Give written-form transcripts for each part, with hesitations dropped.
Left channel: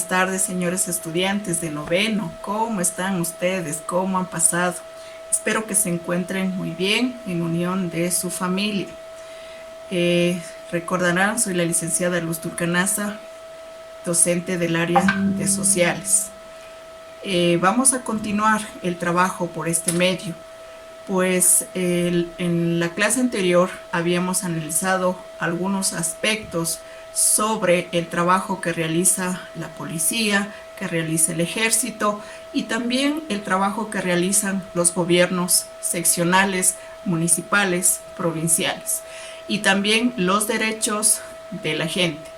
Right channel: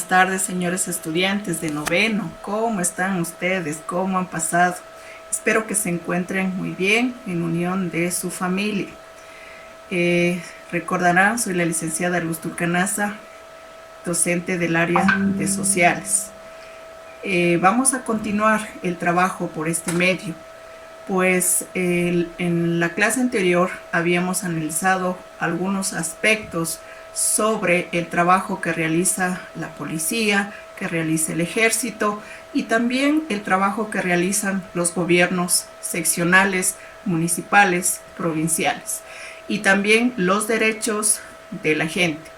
Buenas tardes, señores estudiantes de noveno. ¿Cómo están ustedes? ¿Cómo han pasado? Espero que se encuentren muy bien en unión de su familia. Recordarán, soy la licenciada Luz Turcanaza, docente del área de sociales. Vamos a continuar el trabajo por este medio, pues en la clase anterior habíamos analizado algunos aspectos sobre el trabajo que realiza la policía, que realiza el ejército y también el trabajo que realizan los gobiernos seccionales, municipales, provinciales y también los derechos de la gente.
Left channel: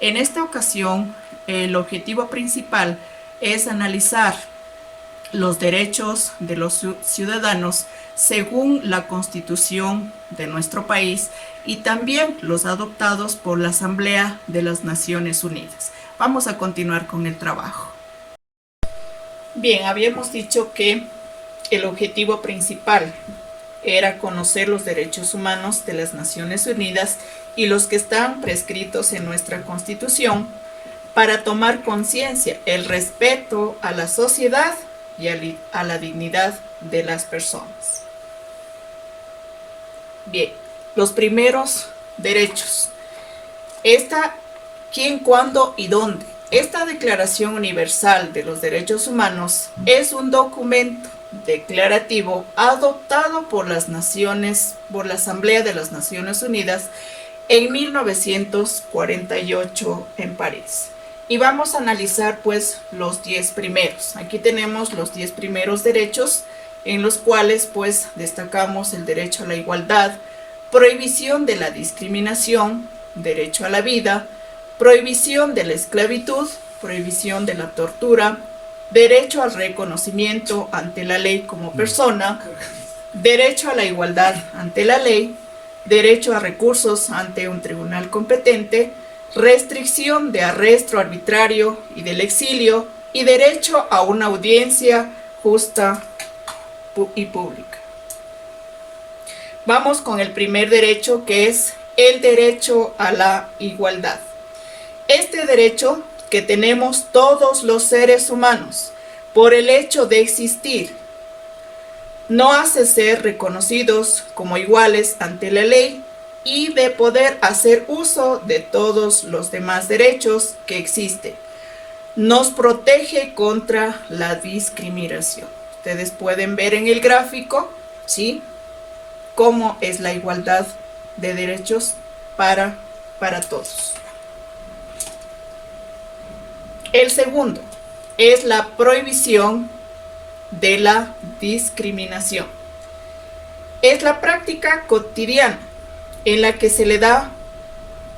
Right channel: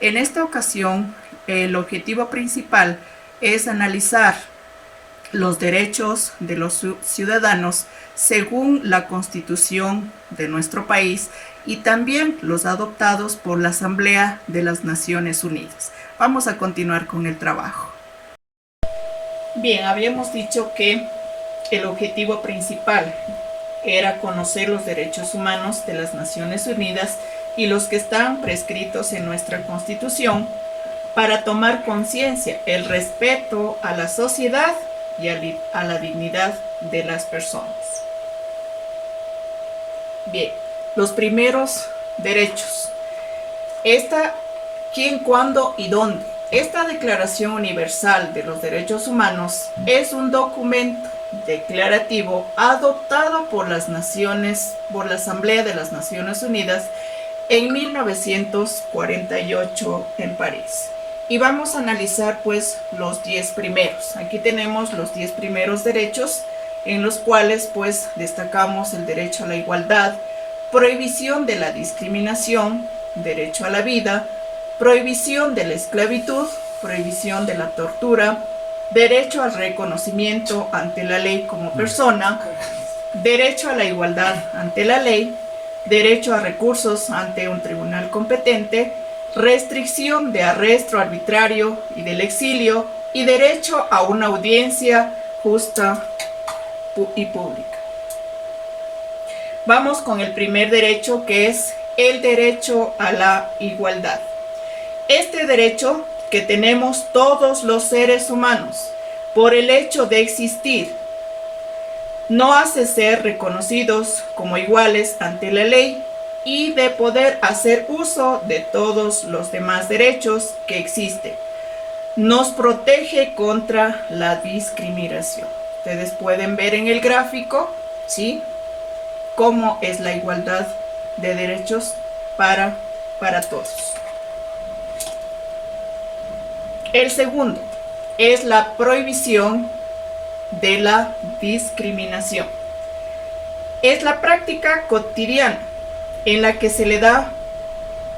En esta ocasión, el objetivo principal es analizar los derechos de los ciudadanos según la Constitución de nuestro país y también los adoptados por la Asamblea de las Naciones Unidas. Vamos a continuar con el trabajo. Bien, habíamos dicho que el objetivo principal era conocer los derechos humanos de las Naciones Unidas y los que están prescritos en nuestra Constitución para tomar conciencia, el respeto a la sociedad y a la dignidad de las personas. Bien, los primeros derechos. ¿Quién, cuándo y dónde? Esta Declaración Universal de los Derechos Humanos es un documento declarativo adoptado por la Asamblea de las Naciones Unidas en 1948 en París. Y vamos a analizar pues los 10 primeros. Aquí tenemos los 10 primeros derechos en los cuales pues destacamos el derecho a la igualdad, prohibición de la discriminación, derecho a la vida, prohibición de la esclavitud, prohibición de la tortura, derecho al reconocimiento ante la ley como persona, derecho a la igualdad ante la ley, derecho a recursos ante un tribunal competente, restricción de arresto arbitrario y del exilio y derecho a una audiencia justa y pública. Vamos con el primer derecho, que es el derecho a la igualdad. Este derecho que tenemos todos los seres humanos por el hecho de existir no hace ser reconocidos como iguales ante la ley y de poder hacer uso de todos los demás derechos que existen. Nos protege contra la discriminación. Ustedes pueden ver en el gráfico, ¿sí?, cómo es la igualdad de derechos para todos. El segundo es la prohibición de la discriminación. Es la práctica cotidiana en la que se le da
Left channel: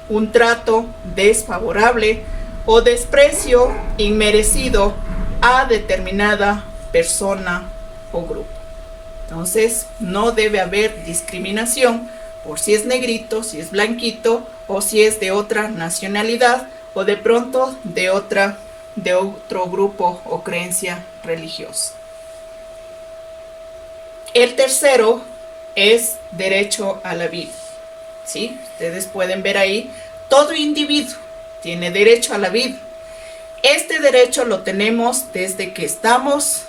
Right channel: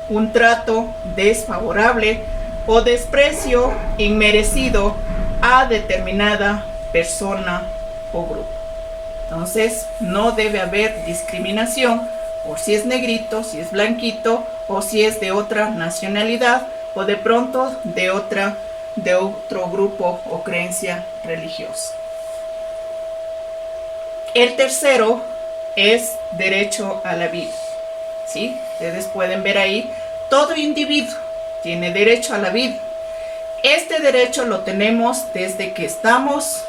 un trato desfavorable o desprecio inmerecido a determinada persona o grupo. Entonces, no debe haber discriminación por si es negrito, si es blanquito, o si es de otra nacionalidad, o de pronto de otro grupo o creencia religiosa. El tercero es derecho a la vida. ¿Sí? Ustedes pueden ver ahí, todo individuo tiene derecho a la vida. Este derecho lo tenemos desde que estamos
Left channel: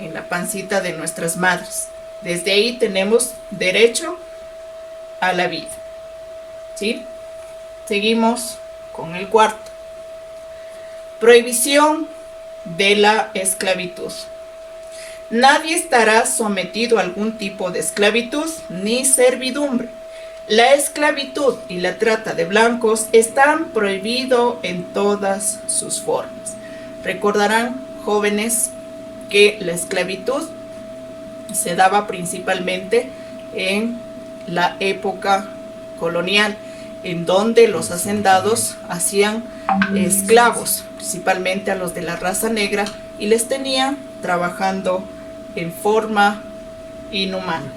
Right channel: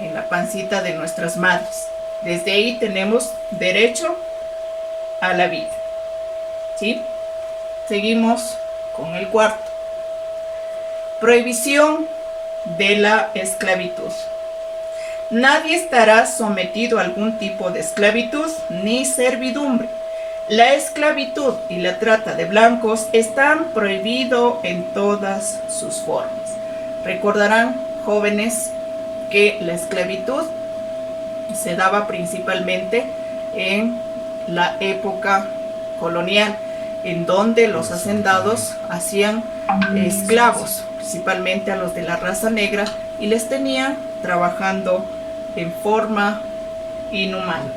en la pancita de nuestras madres. Desde ahí tenemos derecho a la vida. ¿Sí? Seguimos con el cuarto. Prohibición de la esclavitud. Nadie estará sometido a algún tipo de esclavitud ni servidumbre. La esclavitud y la trata de blancos están prohibidos en todas sus formas. Recordarán, jóvenes, que la esclavitud se daba principalmente en la época colonial, en donde los hacendados hacían esclavos, principalmente a los de la raza negra, y les tenían trabajando en forma inhumana.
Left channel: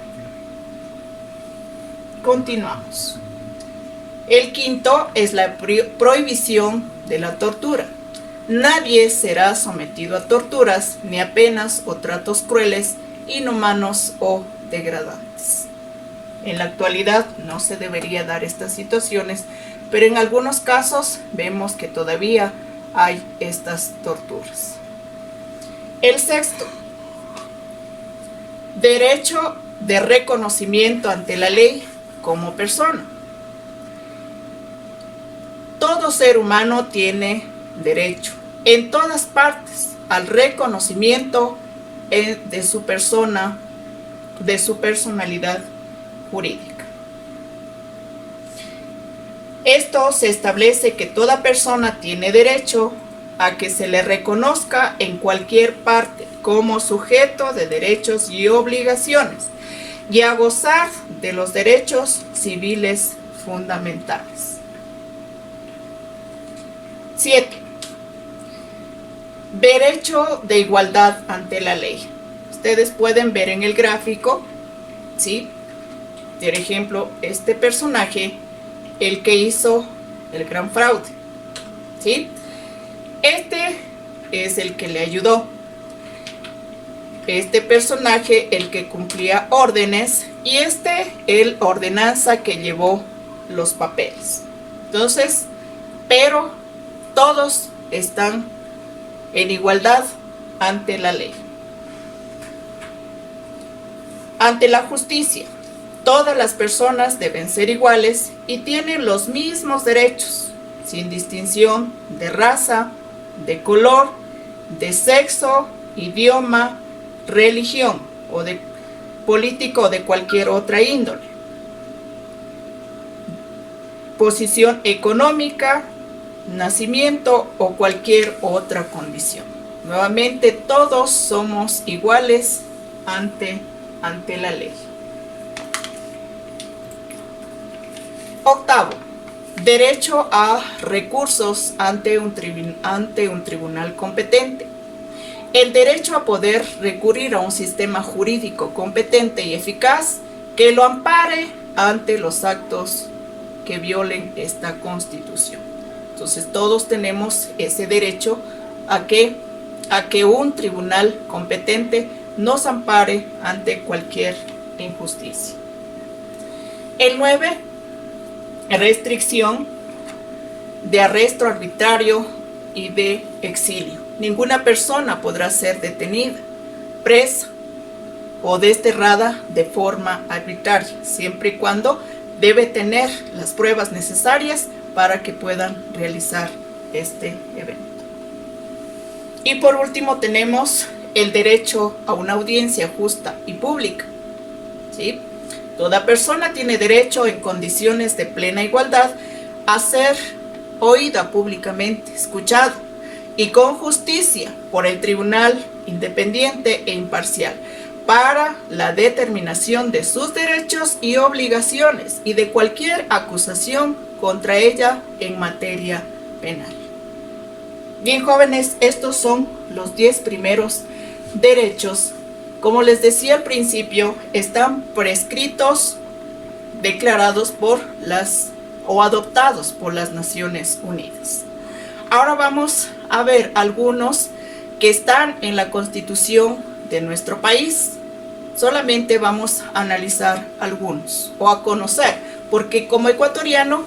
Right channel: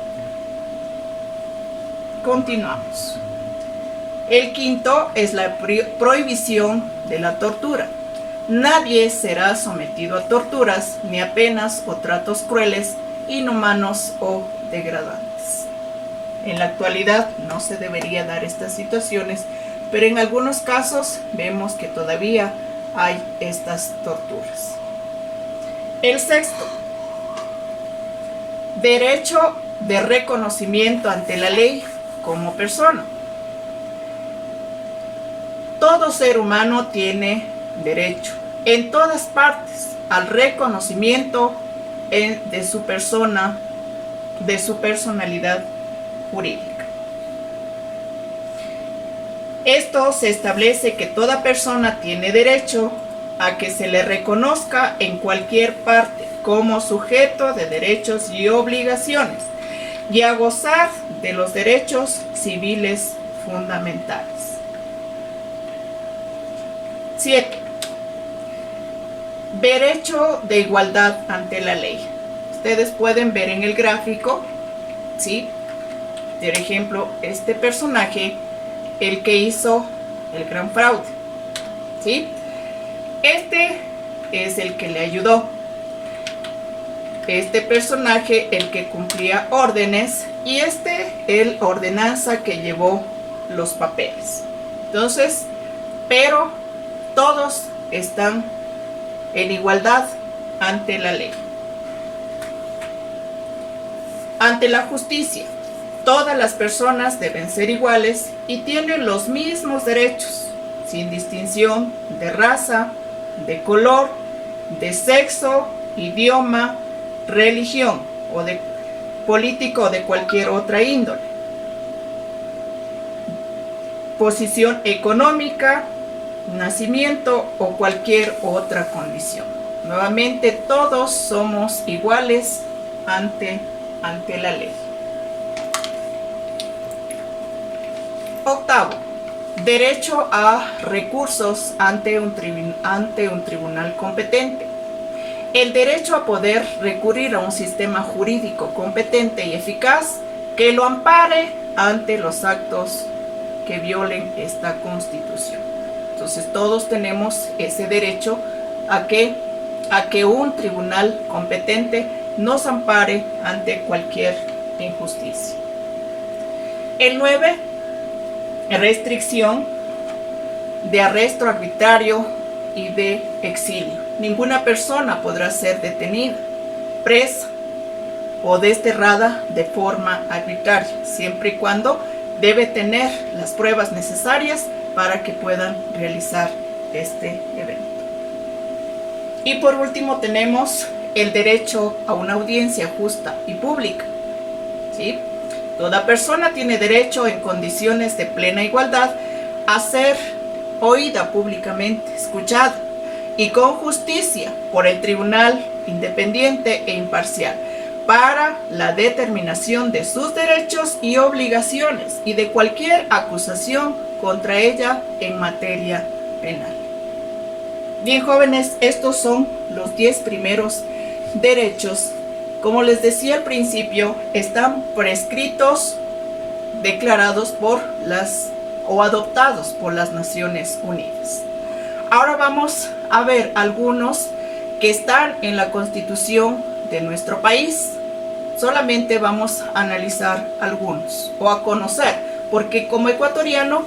Continuamos. El quinto es la prohibición de la tortura. Nadie será sometido a torturas, ni a penas o tratos crueles, inhumanos o degradantes. En la actualidad no se debería dar estas situaciones, pero en algunos casos vemos que todavía hay estas torturas. El sexto, derecho de reconocimiento ante la ley como persona. Todo ser humano tiene derecho en todas partes al reconocimiento de su persona, de su personalidad jurídica. Esto se establece que toda persona tiene derecho a que se le reconozca en cualquier parte como sujeto de derechos y obligaciones y a gozar de los derechos civiles fundamentales. 7. Derecho de igualdad ante la ley. Ustedes pueden ver en el gráfico, ¿sí? Por ejemplo, este personaje, el que hizo el gran fraude, ¿sí? Este es el que le ayudó. Este personaje, el que cumplía órdenes, y el ordenanza que llevó los papeles. Entonces, pero todos están en igualdad ante la ley. Ante la justicia, todas las personas deben ser iguales y tienen los mismos derechos, sin distinción de raza, de color, de sexo, idioma, religión o de político o de cualquier otra índole, posición económica, nacimiento o cualquier otra condición. Nuevamente, todos somos iguales ante la ley. Octavo, derecho a recursos ante un tribunal competente. El derecho a poder recurrir a un sistema jurídico competente y eficaz que lo ampare ante los actos que violen esta Constitución. Entonces, todos tenemos ese derecho a que un tribunal competente nos ampare ante cualquier injusticia. El 9, restricción de arresto arbitrario y de exilio. Ninguna persona podrá ser detenida, presa o desterrada de forma arbitraria, siempre y cuando debe tener las pruebas necesarias para que puedan realizar este evento. Y por último tenemos el derecho a una audiencia justa y pública, ¿sí? Toda persona tiene derecho en condiciones de plena igualdad a ser oída públicamente, escuchada y con justicia por el tribunal independiente e imparcial para la determinación de sus derechos y obligaciones y de cualquier acusación contra ella en materia penal. Bien, jóvenes, estos son los 10 primeros derechos. Como les decía al principio, están prescritos, declarados o adoptados por las Naciones Unidas. Ahora vamos a ver algunos que están en la Constitución de nuestro país. Solamente vamos a analizar algunos o a conocer, porque como ecuatoriano,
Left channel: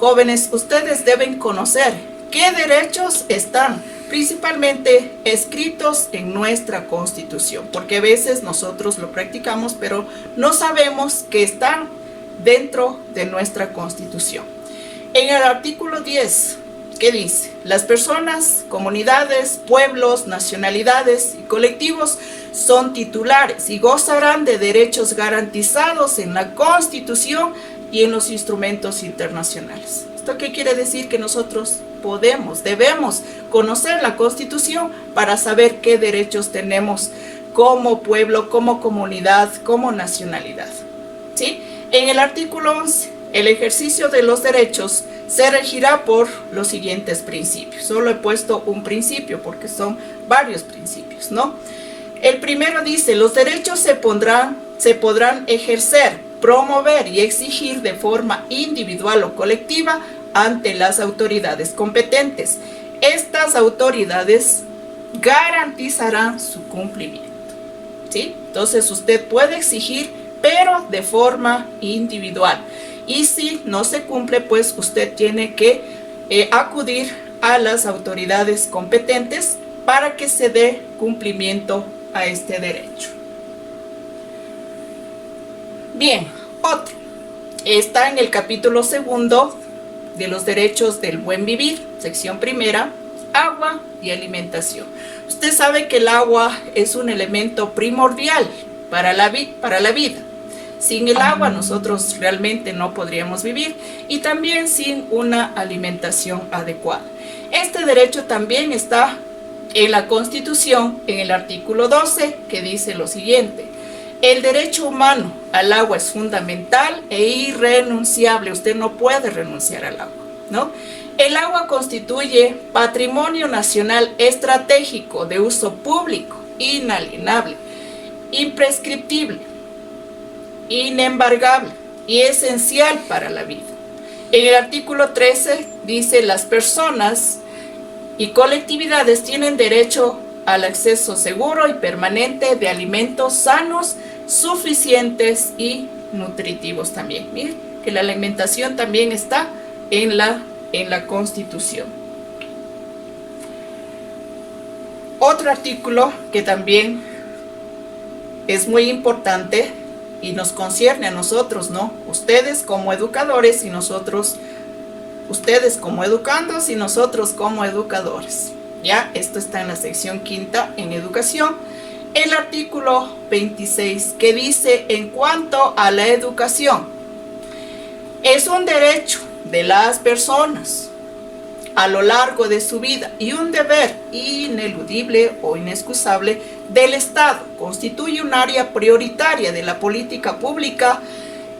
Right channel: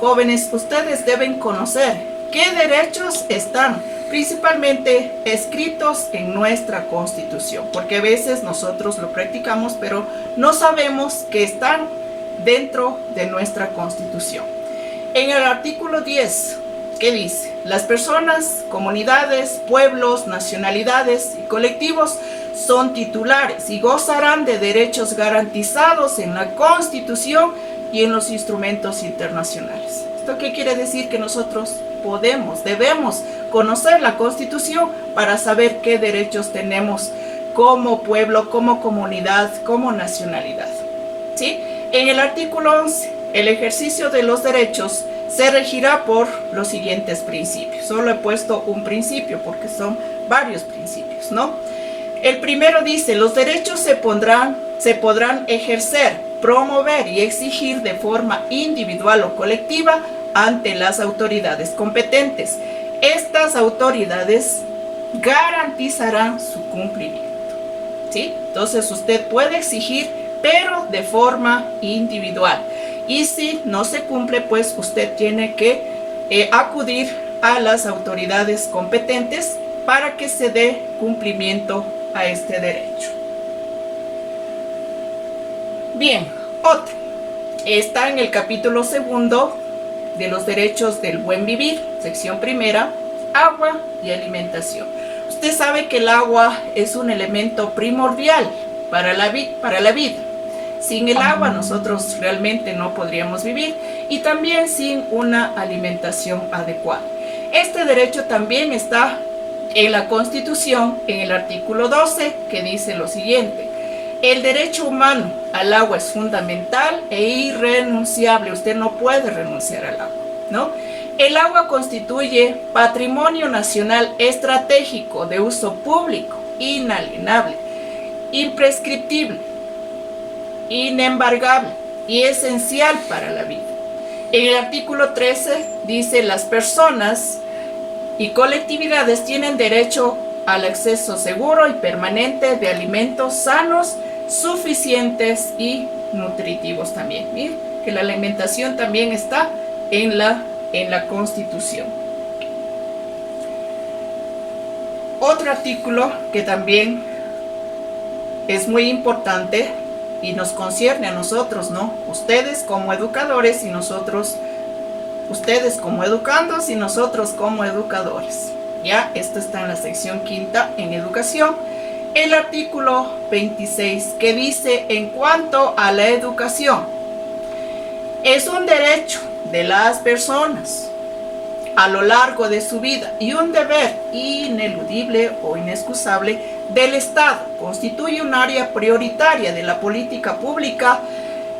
jóvenes, ustedes deben conocer qué derechos están principalmente escritos en nuestra Constitución, porque a veces nosotros lo practicamos, pero no sabemos que están dentro de nuestra Constitución. En el artículo 10, ¿qué dice? Las personas, comunidades, pueblos, nacionalidades y colectivos son titulares y gozarán de derechos garantizados en la Constitución y en los instrumentos internacionales. ¿Esto qué quiere decir? Que nosotros debemos conocer la Constitución para saber qué derechos tenemos como pueblo, como comunidad, como nacionalidad, ¿sí? En el artículo 11, el ejercicio de los derechos se regirá por los siguientes principios. Solo he puesto un principio porque son varios principios, ¿no? El primero dice, los derechos se podrán ejercer, promover y exigir de forma individual o colectiva ante las autoridades competentes. Estas autoridades garantizarán su cumplimiento, ¿sí? Entonces usted puede exigir, pero de forma individual. Y si no se cumple, pues usted tiene que acudir a las autoridades competentes para que se dé cumplimiento a este derecho. Bien, otro. Está en el capítulo 2 de los derechos del buen vivir, sección primera, agua y alimentación. Usted sabe que el agua es un elemento primordial para la vida. Sin el agua nosotros realmente no podríamos vivir, y también sin una alimentación adecuada. Este derecho también está en la Constitución, en el artículo 12, que dice lo siguiente: el derecho humano al agua es fundamental e irrenunciable. Usted no puede renunciar al agua, ¿no? El agua constituye patrimonio nacional estratégico de uso público, inalienable, imprescriptible, inembargable y esencial para la vida. En el artículo 13 dice: las personas y colectividades tienen derecho al acceso seguro y permanente de alimentos sanos, suficientes y nutritivos también. Miren que la alimentación también está en la Constitución. Otro artículo que también es muy importante y nos concierne a nosotros, ¿no? Ustedes como educadores y nosotros, ustedes como educandos y nosotros como educadores. Ya, esto está en la sección quinta en educación. El artículo 26, que dice: en cuanto a la educación, es un derecho de las personas a lo largo de su vida y un deber ineludible o inexcusable del Estado. Constituye un área prioritaria de la política pública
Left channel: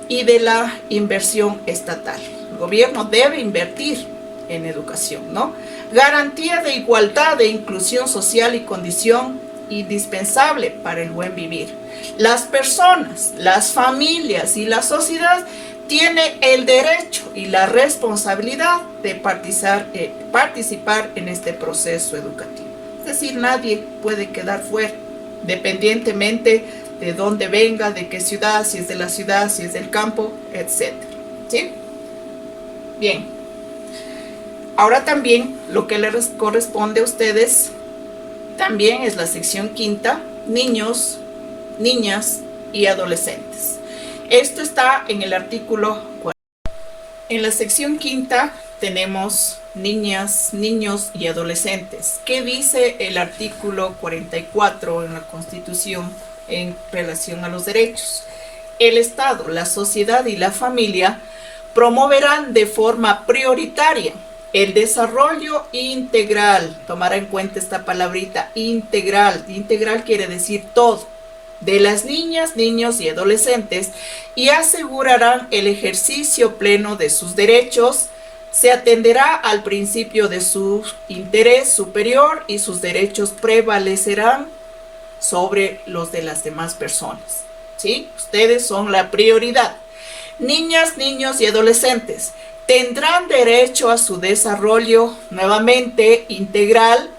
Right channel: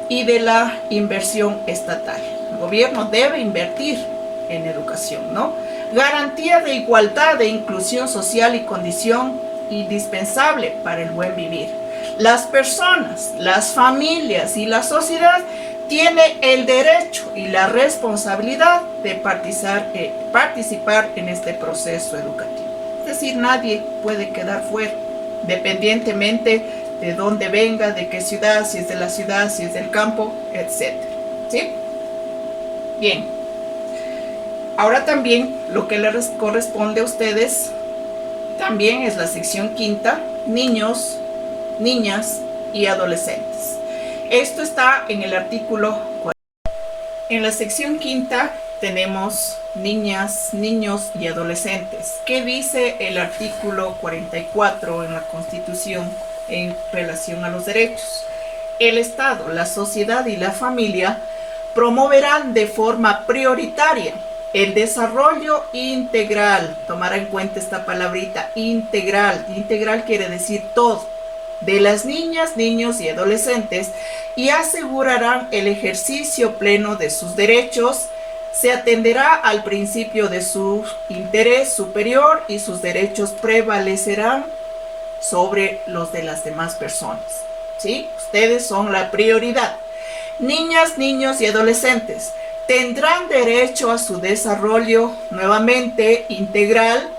y de la inversión estatal. El gobierno debe invertir en educación, ¿no? Garantía de igualdad e inclusión social y condición indispensable para el buen vivir. Las personas, las familias y la sociedad tienen el derecho y la responsabilidad de participar en este proceso educativo. Es decir, nadie puede quedar fuera, dependientemente de dónde venga, de qué ciudad, si es de la ciudad, si es del campo, etc. ¿Sí? Bien. Ahora también lo que les corresponde a ustedes también es la sección quinta: niños, niñas y adolescentes. Esto está en el artículo 40. En la sección quinta tenemos niñas, niños y adolescentes. ¿Qué dice el artículo 44 en la Constitución en relación a los derechos? El Estado, la sociedad y la familia promoverán de forma prioritaria el desarrollo integral. Tomar en cuenta esta palabrita, integral. Integral quiere decir todo, de las niñas, niños y adolescentes, y asegurarán el ejercicio pleno de sus derechos. Se atenderá al principio de su interés superior y sus derechos prevalecerán sobre los de las demás personas. ¿Sí? Ustedes son la prioridad. Niñas, niños y adolescentes tendrán derecho a su desarrollo nuevamente integral,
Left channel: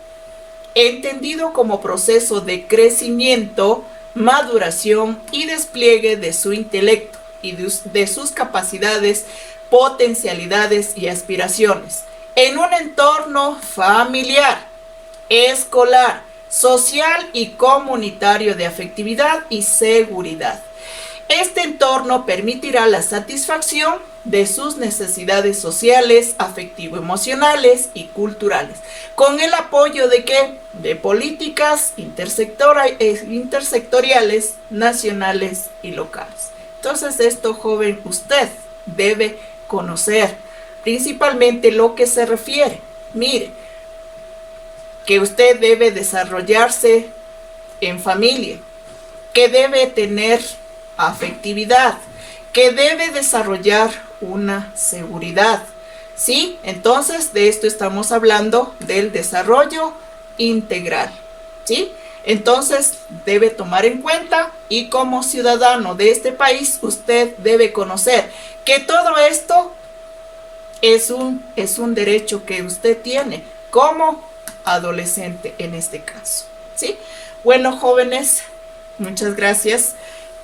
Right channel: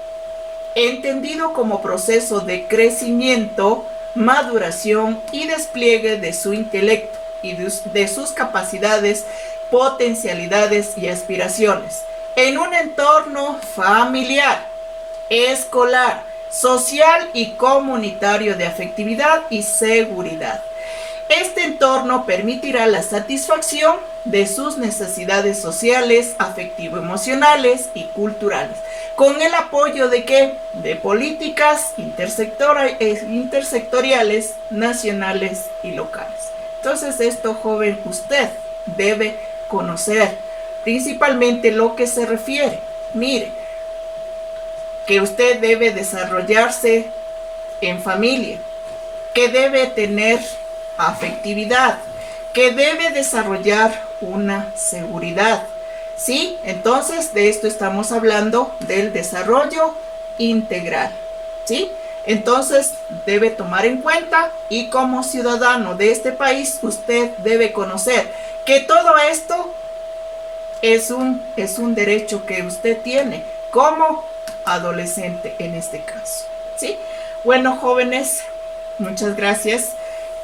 entendido como proceso de crecimiento, maduración y despliegue de su intelecto y de sus capacidades, potencialidades y aspiraciones, en un entorno familiar, escolar, social y comunitario de afectividad y seguridad. Este entorno permitirá la satisfacción de sus necesidades sociales, afectivo-emocionales y culturales, con el apoyo de ¿qué? De políticas intersectoriales, nacionales y locales. Entonces, esto, joven, usted debe conocer principalmente lo que se refiere. Mire, que usted debe desarrollarse en familia, que debe tener afectividad, que debe desarrollar una seguridad. ¿Sí? Entonces, de esto estamos hablando, del desarrollo integral. ¿Sí? Entonces, debe tomar en cuenta, y como ciudadano de este país, usted debe conocer que todo esto es un derecho que usted tiene como adolescente en este caso. ¿Sí? Bueno, jóvenes, muchas gracias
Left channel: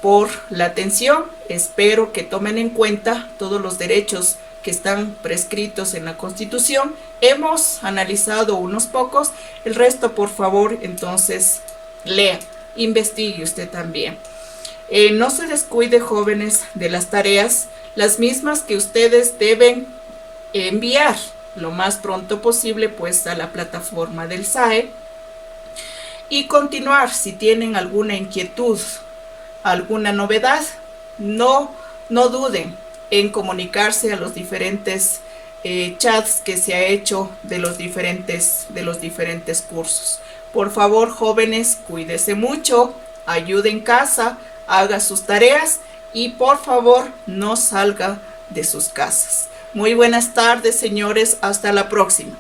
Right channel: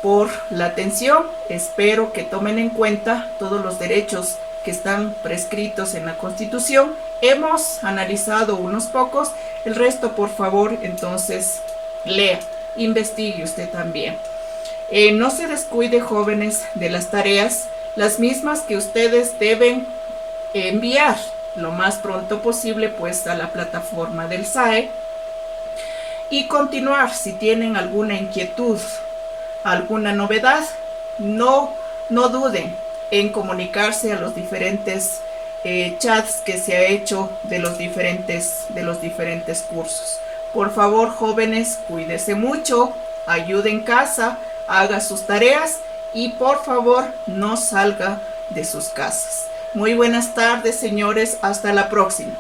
por la atención. Espero que tomen en cuenta todos los derechos que están prescritos en la Constitución hemos analizado unos pocos, el resto por favor entonces lea, investigue usted también. No se descuide, jóvenes, de las tareas, las mismas que ustedes deben enviar lo más pronto posible pues a la plataforma del SAE, y continuar. Si tienen alguna inquietud, alguna novedad, no duden en comunicarse a los diferentes chats que se ha hecho de los diferentes cursos. Por favor, jóvenes, cuídese mucho, ayude en casa, haga sus tareas y por favor no salga de sus casas. Muy buenas tardes, señores, hasta la próxima.